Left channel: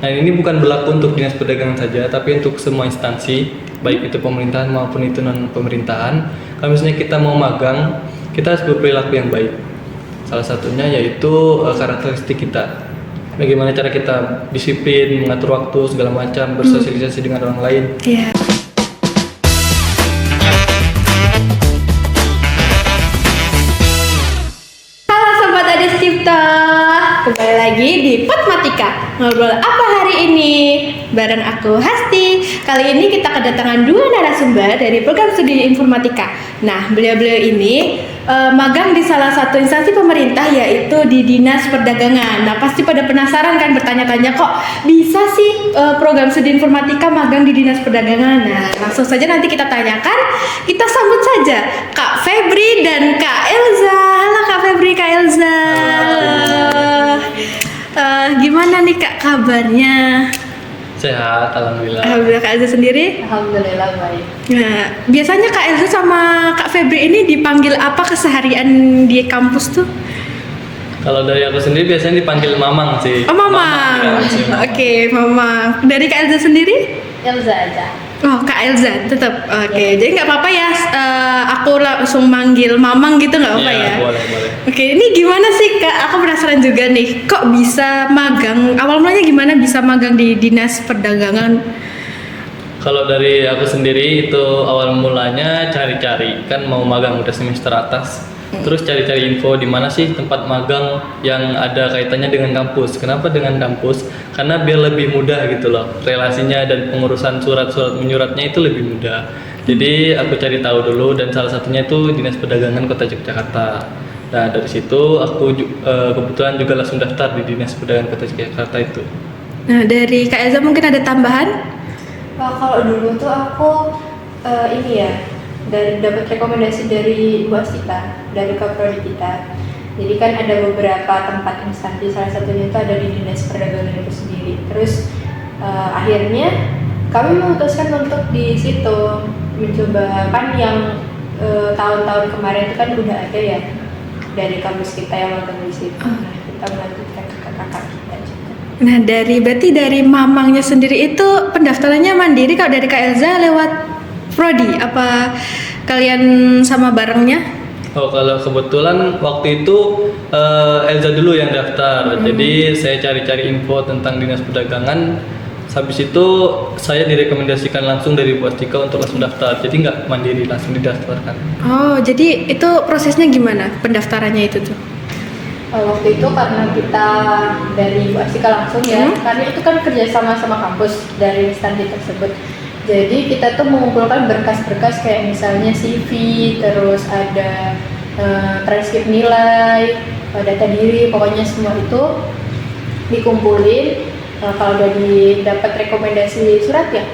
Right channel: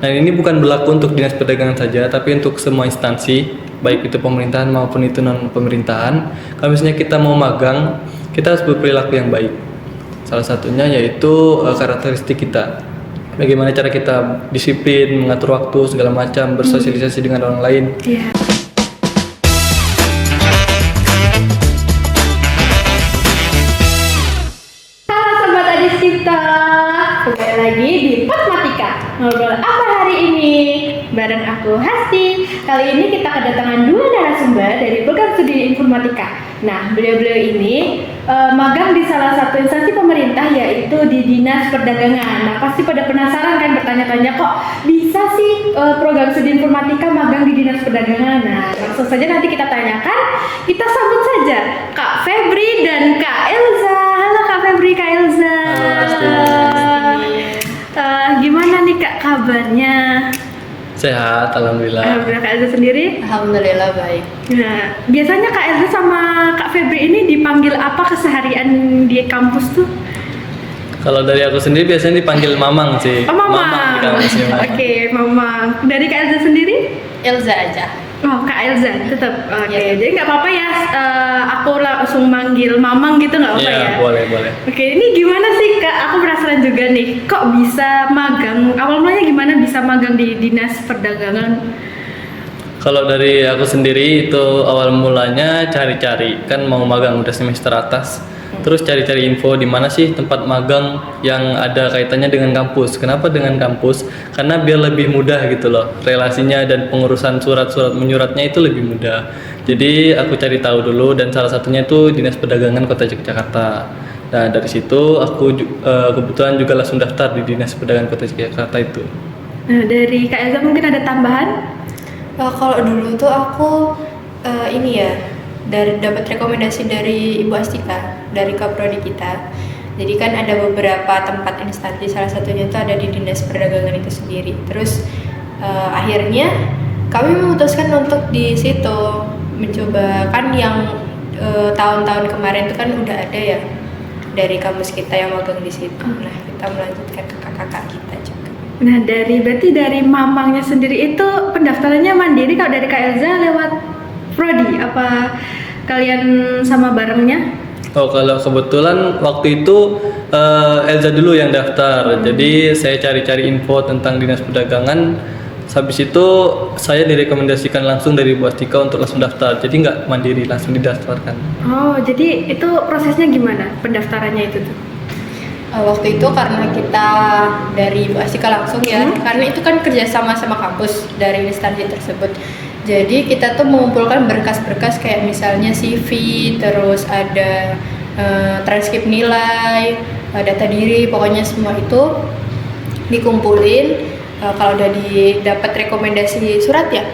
Nah, ini bukan berlaku untuk dinas perdagangan saja, tapi untuk semua instansi, baik itu pemerintahan maupun itu non pemerintahan. Kalau misalnya kita mau magang, kita harus berperilaku yang baik. Salah satunya yaitu karakteristik kita. Bagaimana cara kita disiplin, mengatur waktu, segala macam, bersosialisasi dengan orang lain. Iya. Halo Sobat Adis Cipta, kembali lagi di Potmatika. Ngobrol apa hari ini? Bareng aku Hasti. Kali ini kita kedatangan dua narasumber dari program studi informatika. Nah, beliau-beliau ini magang di salah satu instansi pemerintah, yaitu di Dinas Perdagangan. Nah, pasti pada penasaran kan, bertanya-tanya kok bisa sih program studi informatika magang di Dinas Perdagangan. Nah, langsung saja nanti kita tanyakan. Kita sambut saja Kak Febri dan Kak Elza. Halo Kak Febri, Kak Elza. Gimana nih Kak kabarnya? Sehat, alhamdulillah. Alhamdulillah. Kak Elza sendiri? Alhamdulillah baik. Nah, biasanya Kak Elza sama Kak Febri ini dipanggil apa keseharian di kampus tuh? Kalau dari aku sendiri biasanya dipanggil Mamang sih. Oh, Mama. Di kampus ini. Oke, Mama. Dari Kak Elza sendiri? Elza aja. Oh, Kak Elza tetap. Oke, Ya. jadi nggak apa-apa ya. Aku langsung manggil Mamang gitu, nggak apa-apa ya? Iya, boleh. Oke, ini gimana sih Kak? Aku penasaran juga nih. Kok bisa magang? Awal mulanya gimana bisa magang di Dinas Perdagangan? Kalau dari aku sendiri itu awal mulanya cari-cari, kan mau magang udah semester atas. Terus cari-cari info di mana sih tempat magang yang ada kaitannya dengan kampus. Kenapa dengan kampus? Karena biar lebih mudah gitu loh. Relasinya dan pengurusan surat-surat menyuratnya itu lebih mudah. Jadi aku cari tahu dulu dan salah satunya itu Dinas Perdagangan Kota Yogyakarta. Nah, dari situ aku kebetulan juga langsung daftar di Dinas Perdagangan Kota Yogyakarta itu. Nah, dari Kak Elza mungkin ada tambahan? Kalau dulu tuh aku ini ya dari dapat rekomendasi dari Ibu Astika, dari Kaprodi kita. Jadi kan ada beberapa tempat instansi, salah satunya itu ada di Dinas Perdagangan itu sendiri. Terus akhirnya kami memutuskan untuk di situ mencoba, kan yang tahun-tahun kemarin itu kan udah ada ya dari kampus kita yang magang di situ. Nah, kita melanjutkan ke kakak-kakak kita juga. Nah, berarti dari Mamangnya sendiri itu pendaftarannya mandiri. Kalau dari Kak Elza lewat Prodi apa kalian sama barengnya? Oh, kalau kebetulan waktu itu Elza dulu yang daftar. Jadi saya cari-cari info tentang Dinas Perdagangan. Habis itu saya direkomendasikan langsung dari Bu Astika untuk langsung daftar. Jadi nggak mandiri, langsung didaftarkan. Oh, jadi itu prosesnya gimana pendaftarannya itu tuh? Waktu itu karena kita dari Bu Astika langsung ya, karena itu kan kerjasama sama kampus dari instansi tersebut. Jadi kita tuh mengumpulkan berkas-berkas kayak misalnya CV, terus ada transkrip nilai, data diri, pokoknya semua itu dikumpulin. Kalau udah dapat rekomendasi surat ya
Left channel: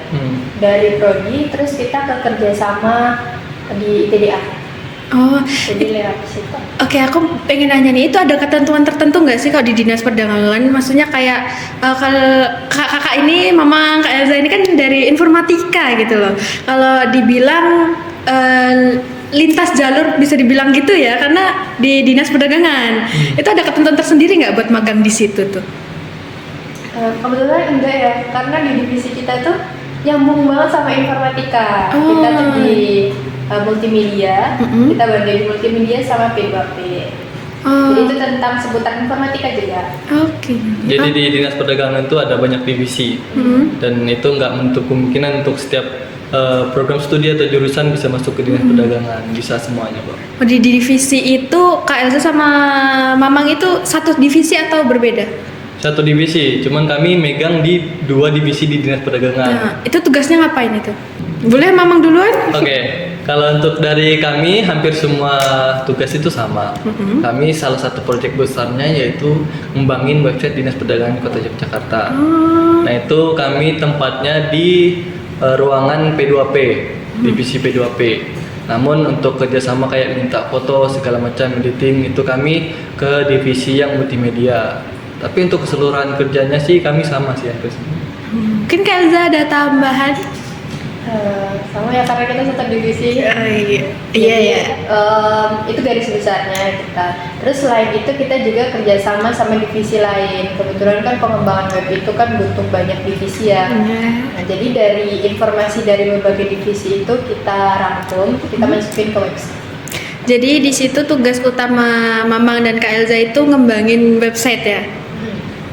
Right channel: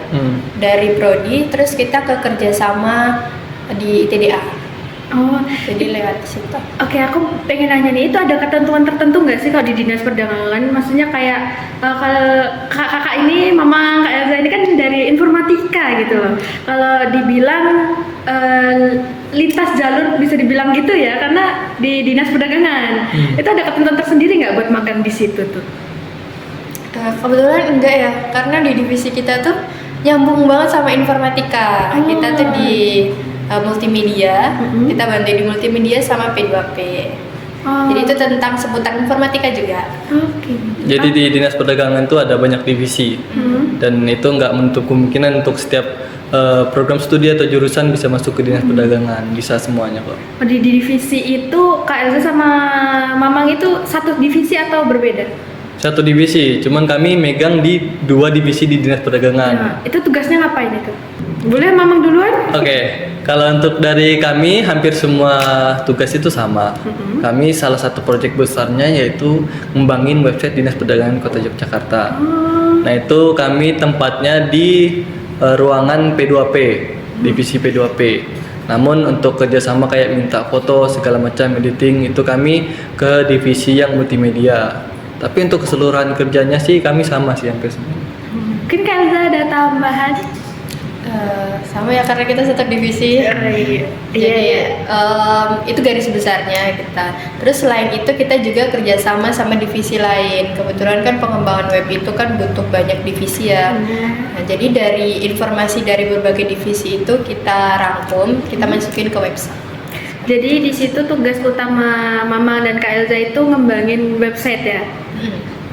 dari Prodi, terus kita ke kerjasama di ITDA. Oh, Jadi lewat situ. Oke, aku pengen nanya nih, itu ada ketentuan tertentu nggak sih kalau di Dinas Perdagangan? Maksudnya kayak kalau kakak ini, Mama Kak Elza ini kan dari informatika gitu loh. Kalau dibilang lintas jalur bisa dibilang gitu ya, karena di Dinas Perdagangan itu ada ketentuan tersendiri nggak buat magang di situ tuh? Kebetulan enggak ya, karena di divisi kita tuh nyambung banget sama informatika. Oh. Kita tuh di multimedia, kita bantu di multimedia sama P2P. Oh. Jadi itu tentang seputar informatika juga. Oke. Jadi di Dinas Perdagangan itu ada banyak divisi. Dan itu nggak menutup kemungkinan untuk setiap program studi atau jurusan bisa masuk ke Dinas Perdagangan. Bisa semuanya kok. Di divisi itu Kak Elza sama Mamang itu satu divisi atau berbeda? Satu divisi, cuman kami megang di dua divisi di Dinas Perdagangan. Nah, itu tugasnya ngapain itu? Boleh Mamang duluan? Oke, kalau untuk dari kami hampir semua tugas itu sama. Kami salah satu proyek besarnya yaitu ngembangin website Dinas Perdagangan Kota Yogyakarta. Nah, itu kami tempatnya di ruangan P2P, divisi P2P. Namun untuk kerjasama kayak minta foto segala macam editing itu kami ke divisi yang multimedia. Tapi untuk keseluruhan kerjanya sih kami sama sih hampir semua. Mungkin Kak Elza ada tambahan? Sama ya, karena kita satu divisi. Iya, iya. Jadi, itu garis besarnya kita. Terus selain itu kita juga kerjasama sama divisi lain. Kebetulan kan pengembangan web itu kan butuh banyak divisi ya. Nah, jadi dari informasi dari berbagai divisi itu kita rangkum, kita masukin ke website. Jadi di situ tugas utama Mamang dan Kak Elza itu ngembangin website ya.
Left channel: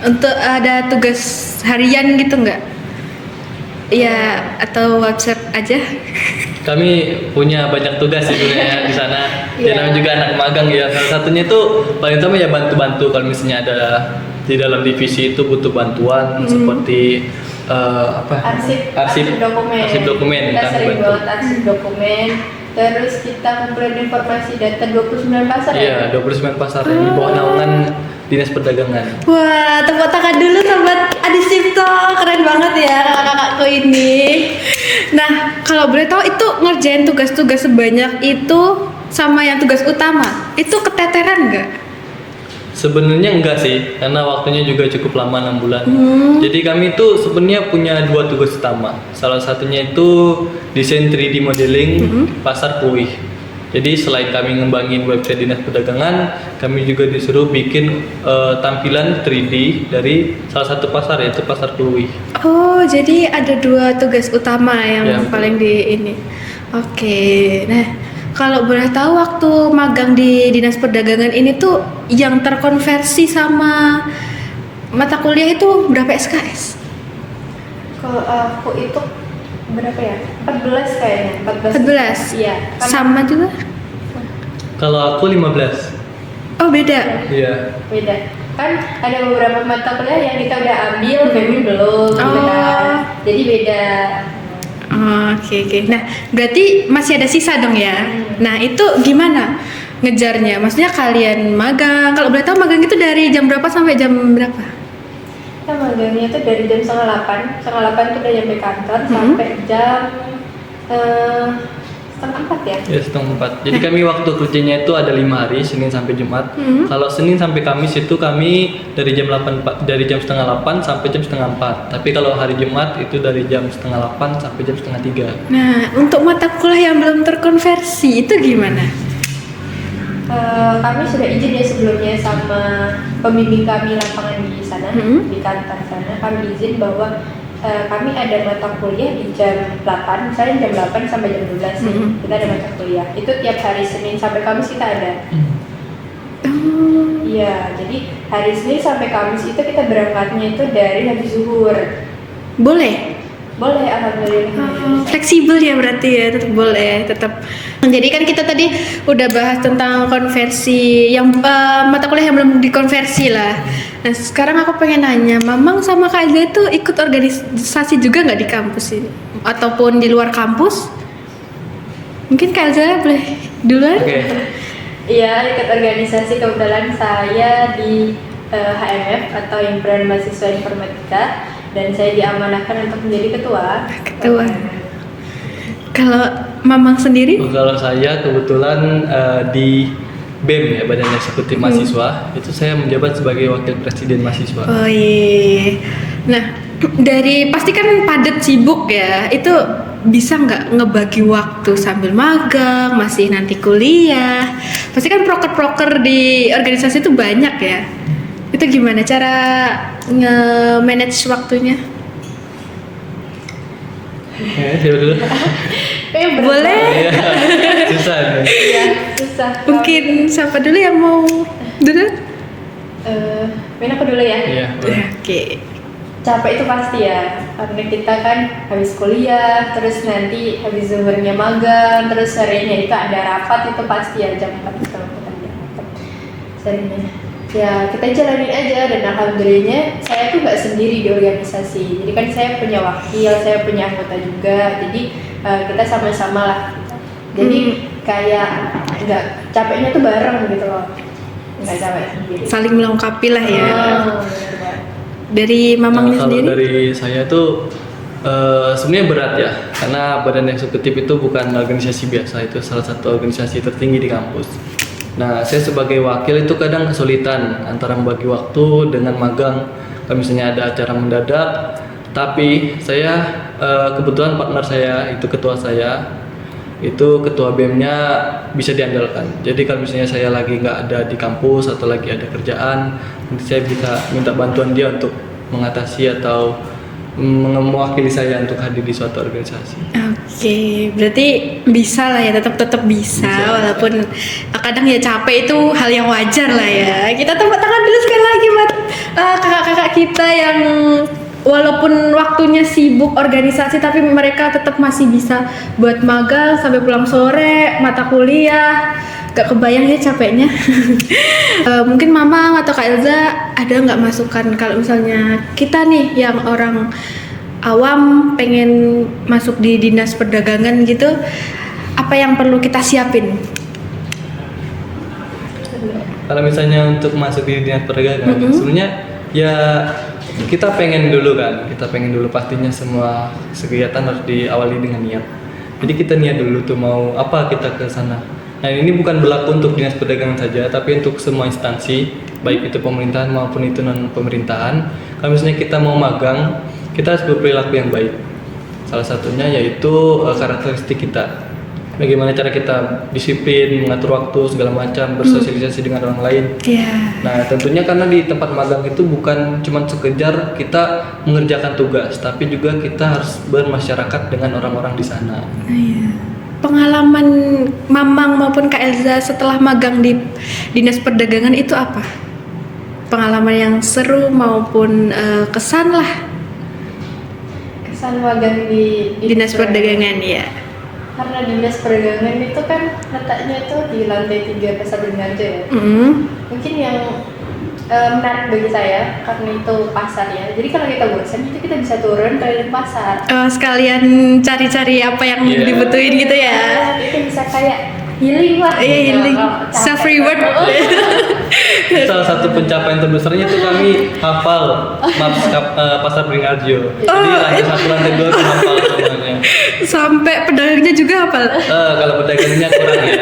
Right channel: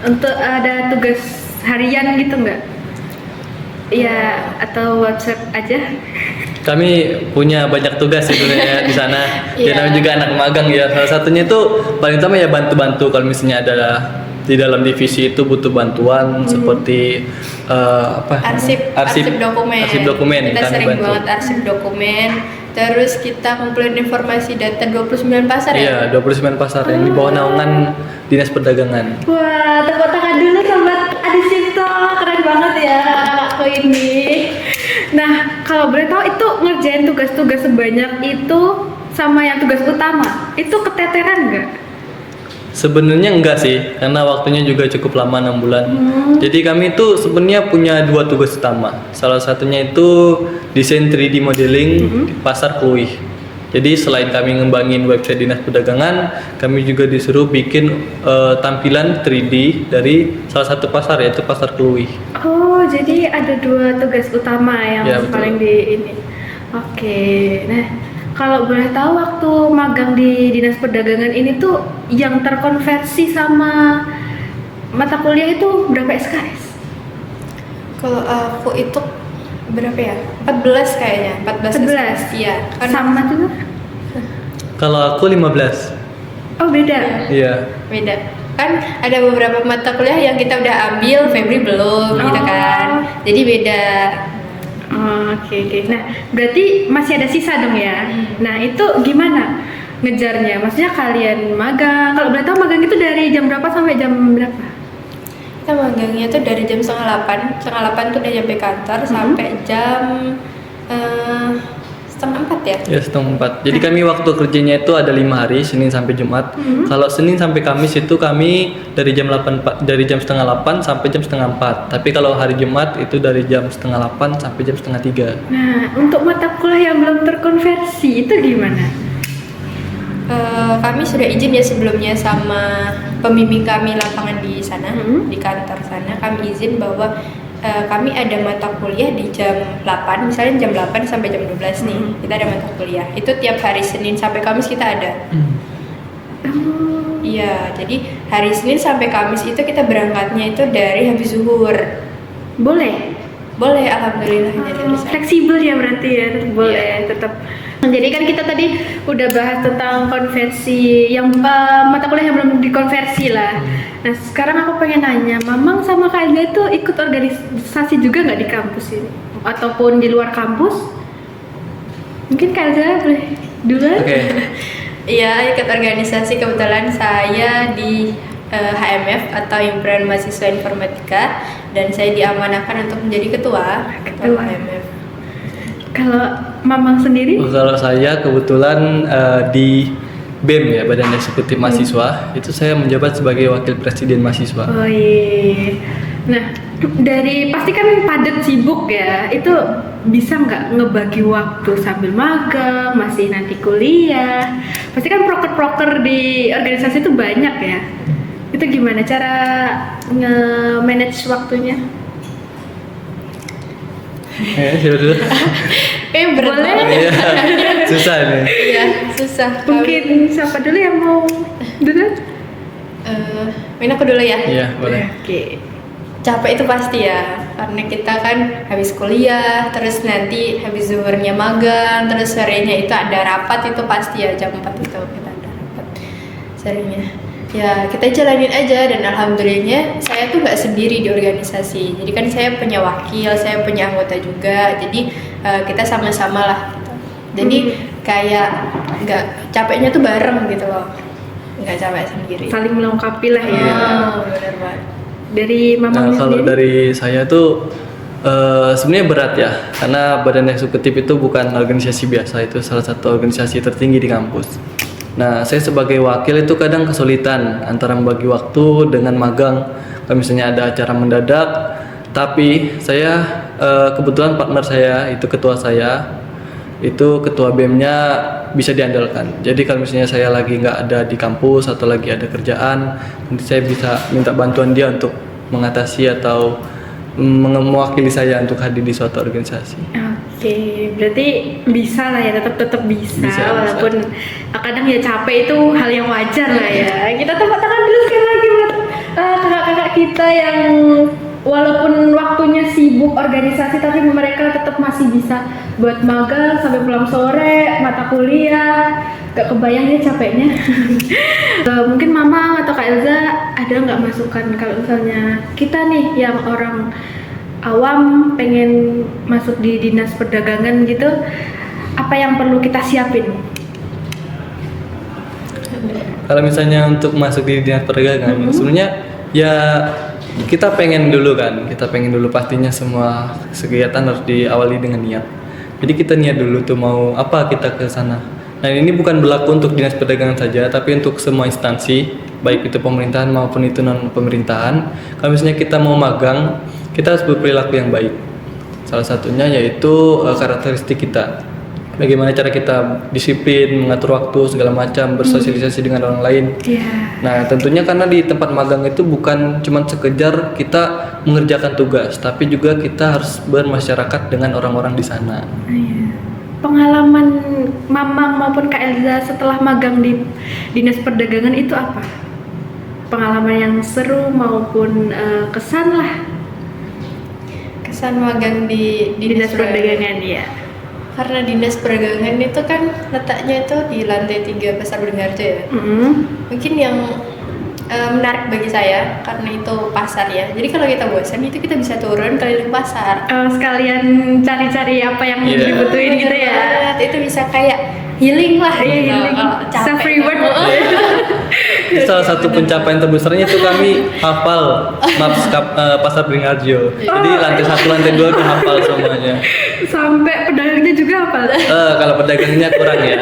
Untuk ada tugas harian gitu nggak? Iya, atau WhatsApp aja? Kami punya banyak tugas sebenarnya di sana. Ya Iya. namanya juga anak magang ya. Salah satunya itu paling utama ya bantu-bantu kalau misalnya ada di dalam divisi itu butuh bantuan seperti Arsip dokumen. Arsip dokumen Kita kami sering bantu. banget arsip dokumen. Terus kita ngumpulin informasi data 29 pasar Iya, ya. 29 pasar yang di bawah naungan Dinas Perdagangan. Wah, tepuk tangan dulu sobat Adisipto, keren banget ya kakak-kakakku ini. Nah, kalau boleh tahu itu ngerjain tugas-tugas sebanyak itu sama yang tugas utama, itu keteteran nggak? Sebenarnya enggak sih, karena waktunya juga cukup lama 6 bulan. Jadi kami itu sebenarnya punya 2 tugas utama. Salah satunya itu desain 3D modeling di pasar Pluih. Jadi selain kami ngembangin website Dinas Perdagangan, kami juga disuruh bikin tampilan 3D dari salah satu pasar yaitu pasar Pluih. Oh, jadi ada 2 tugas utama yang Ya, betul. paling di ini. Oke, nah kalau boleh tahu waktu magang di Dinas Perdagangan ini tuh yang terkonversi sama mata kuliah itu berapa SKS? Kalau aku itu berapa ya? 14 kayaknya. 14? Iya. Kan Sama juga? Kalau aku 15. Oh beda? Iya. beda. Kan ada beberapa mata kuliah yang kita udah ambil, Febri belum gitu Oh. kan. Jadi beda. Oke. Nah, berarti masih ada sisa dong ya? Nah, itu gimana ngejarnya? Maksudnya kalian magang, kalau boleh tahu magang itu dari jam berapa sampai jam berapa? Kita magangnya tuh dari jam 7:30 tuh udah nyampe kantor sampai jam 3:30 ya. Ya setengah 4. Jadi kami waktu kerjanya itu ada 5 hari, Senin sampai Jumat. Kalau Senin sampai Kamis itu kami dari jam setengah 8 sampai jam setengah 4. Tapi kalau hari Jumat itu dari jam setengah 8 sampai jam setengah 3. Nah, untuk mata kuliah yang belum terkonversi itu gimana? Kami sudah izin ya sebelumnya sama pembimbing kami lapangan di sana, di kantor sana. Kami izin bahwa kami ada mata kuliah di jam 8, misalnya jam 8 sampai jam 12 nih, kita ada mata kuliah. Itu tiap hari Senin sampai Kamis kita ada. Iya, jadi hari Senin sampai Kamis itu kita berangkatnya itu dari habis zuhur. Boleh? Boleh, alhamdulillah. Fleksibel ya berarti ya, tetap boleh, tetap. Jadi kan kita tadi udah bahas tentang konversi yang mata kuliah yang belum dikonversi lah. Nah sekarang aku pengen nanya, Mamang sama Kak Elza itu ikut organisasi juga nggak di kampus ini? Ataupun di luar kampus? Mungkin Kak Elza boleh duluan? Oke. Iya, ikut organisasi. Kebetulan saya di HMF atau Himpunan Mahasiswa Informatika, dan saya diamanahkan untuk menjadi ketua. HMF. Kalau Mamang sendiri? Kalau saya kebetulan di BEM ya, Badan Eksekutif Mahasiswa, itu saya menjabat sebagai wakil presiden mahasiswa. Oh iya. Nah, dari pasti kan padat sibuk ya. Itu bisa nggak ngebagi waktu sambil magang, masih nanti kuliah? Pasti kan proker-proker di organisasi itu banyak ya. Itu gimana cara nge-manage waktunya? Siapa dulu? Boleh? Susah nih. Iya, susah. Mungkin siapa dulu yang mau dulu? Main aku dulu ya. Iya, boleh. Oke. Capek itu pasti ya, karena kita kan habis kuliah, terus nanti habis zuhurnya magang, terus sorenya itu ada rapat, itu pasti ya jam 4 itu kita ada rapat sorenya. Ya kita jalanin aja, dan alhamdulillahnya saya tuh nggak sendiri di organisasi. Jadi kan saya punya wakil, saya punya anggota juga, jadi kita sama-sama lah. Jadi kayak nggak capeknya tuh bareng gitu loh, nggak capek sendiri. Saling melengkapi lah ya. Oh, bener banget. Dari Nah, Mamangnya kalau sendiri? dari saya tuh sebenarnya berat ya, karena Badan Eksekutif itu bukan organisasi biasa, itu salah satu organisasi tertinggi di kampus. Nah, saya sebagai wakil itu kadang kesulitan antara membagi waktu dengan magang. Kalau misalnya ada acara mendadak, tapi saya kebetulan partner saya itu ketua saya, itu ketua BEM-nya bisa diandalkan. Jadi kalau misalnya saya lagi nggak ada di kampus atau lagi ada kerjaan, nanti saya bisa minta bantuan dia untuk mengatasi atau mewakili saya untuk hadir di suatu organisasi. Oke, berarti bisa lah ya, tetap bisa, Bisa. walaupun kadang ya capek itu hal yang wajar lah ya. Kita tepuk tangan dulu sekali lagi buat kakak-kakak kita yang walaupun waktunya sibuk organisasi tapi mereka tetap masih bisa buat magang sampai pulang sore, mata kuliah. Gak kebayang ya capeknya. Mungkin Mama atau Kak Elza ada nggak masukan kalau misalnya kita nih yang orang awam pengen masuk di dinas perdagangan gitu, apa yang perlu kita siapin? Kalau misalnya untuk masuk di dinas perdagangan, sebenarnya ya kita pengen dulu pastinya semua kegiatan harus diawali dengan niat. Jadi kita niat dulu tuh mau apa kita ke sana. Nah ini bukan berlaku untuk dinas perdagangan saja, tapi untuk semua instansi, baik itu pemerintahan maupun itu non pemerintahan. Kalau misalnya kita mau magang, kita harus berperilaku yang baik. Salah satunya yaitu karakteristik kita. Bagaimana cara kita disiplin, mengatur waktu segala macam, bersosialisasi dengan orang lain. Iya. Nah tentunya karena di tempat magang itu bukan cuma sekedar kita mengerjakan tugas, tapi juga kita harus bermasyarakat dengan orang-orang di sana. Iya. Pengalaman Mamang maupun Kak Elza setelah magang di dinas perdagangan itu apa? Pengalaman yang seru maupun kesan lah Kesan magang di dinas perdagangan ya. Karena dinas perdagangan itu kan letaknya itu di lantai 3 Pasar Beringharjo ya. Mungkin yang menarik bagi saya karena itu pasar ya. Jadi kalau kita bosan itu kita bisa turun keliling pasar. Sekalian cari-cari apa yang Iya. dibutuhin gitu ya. Itu bisa kayak healing lah. Iya, healing. Kalau capek. Self reward. Salah satu pencapaian terbesarnya itu kami hafal maps Pasar Beringharjo. Jadi lantai 1, lantai 2 itu hafal semuanya. Sampai pedagangnya juga hafal. Kalau pedagangnya kurang ya.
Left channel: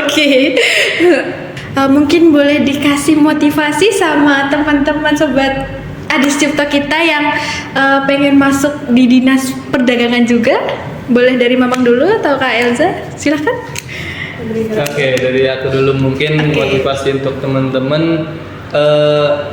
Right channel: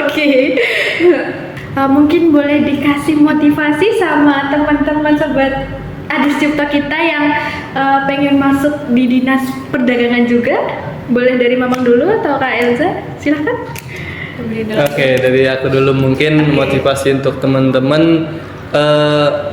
Oke. Mungkin boleh dikasih motivasi sama teman-teman sobat Adis Cipta kita yang pengen masuk di dinas perdagangan juga. Boleh dari Mamang dulu atau Kak Elza? Silahkan. Oke, dari aku dulu mungkin motivasi untuk teman-teman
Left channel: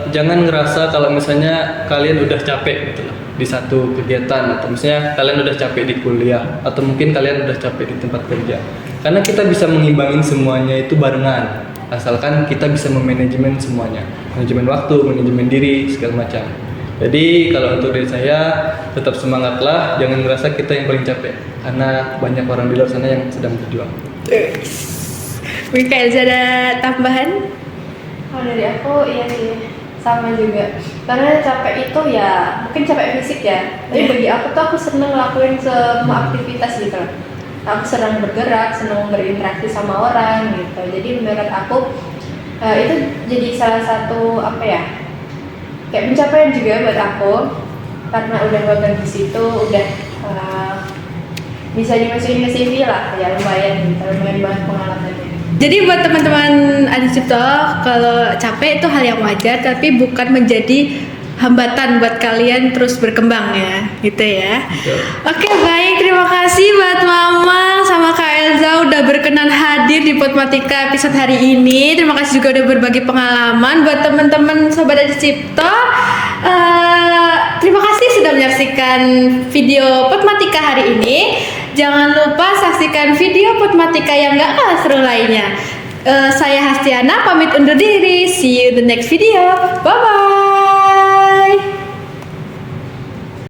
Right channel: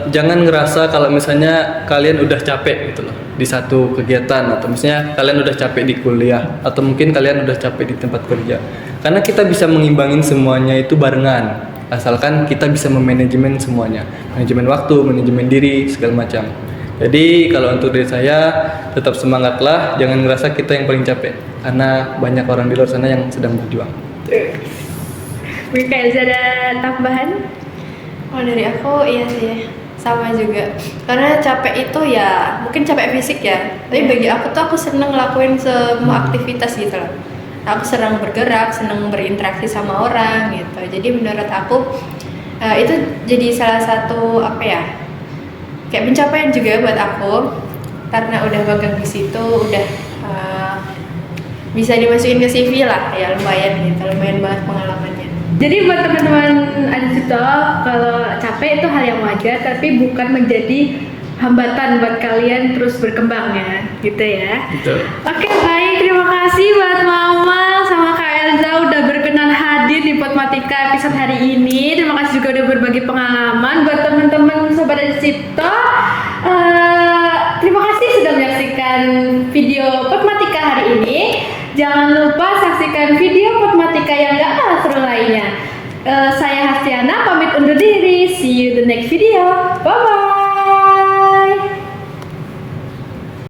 jangan ngerasa kalau misalnya kalian udah capek gitu loh di satu kegiatan, atau misalnya kalian udah capek di kuliah, atau mungkin kalian udah capek di tempat kerja. Karena kita bisa mengimbangin semuanya itu barengan, asalkan kita bisa memanajemen semuanya, manajemen waktu, manajemen diri, segala macam. Jadi kalau untuk dari saya tetap semangatlah, jangan ngerasa kita yang paling capek, karena banyak orang di luar sana yang sedang berjuang. Mungkin Kak Elza ada tambahan? Kalau dari aku iya sih sama juga. Karena capek itu ya mungkin capek fisik ya. Tapi bagi aku tuh aku seneng ngelakuin semua aktivitas gitu loh. Aku senang bergerak, senang berinteraksi sama orang gitu. Jadi menurut aku itu jadi salah satu apa ya? Kayak pencapaian juga buat aku karena udah magang di situ, udah bisa dimasukin ke CV lah ya, lumayan gitu, lumayan banget pengalamannya. Jadi buat teman-teman Adis Cipta, kalau capek itu hal yang wajar, tapi bukan menjadi hambatan buat kalian terus berkembang ya, gitu ya. Betul. Oke, baik, terima kasih buat Mama sama Kak Elza udah berkenan hadir di Potmatika episode hari ini. Terima kasih juga udah berbagi pengalaman buat teman-teman Sobat Adis Cipta. Terima kasih sudah menyaksikan video Potmatika hari ini. Jangan lupa saksikan video Potmatika yang gak kalah seru lainnya. Saya Hastiana pamit undur diri. See you the next video. Bye bye.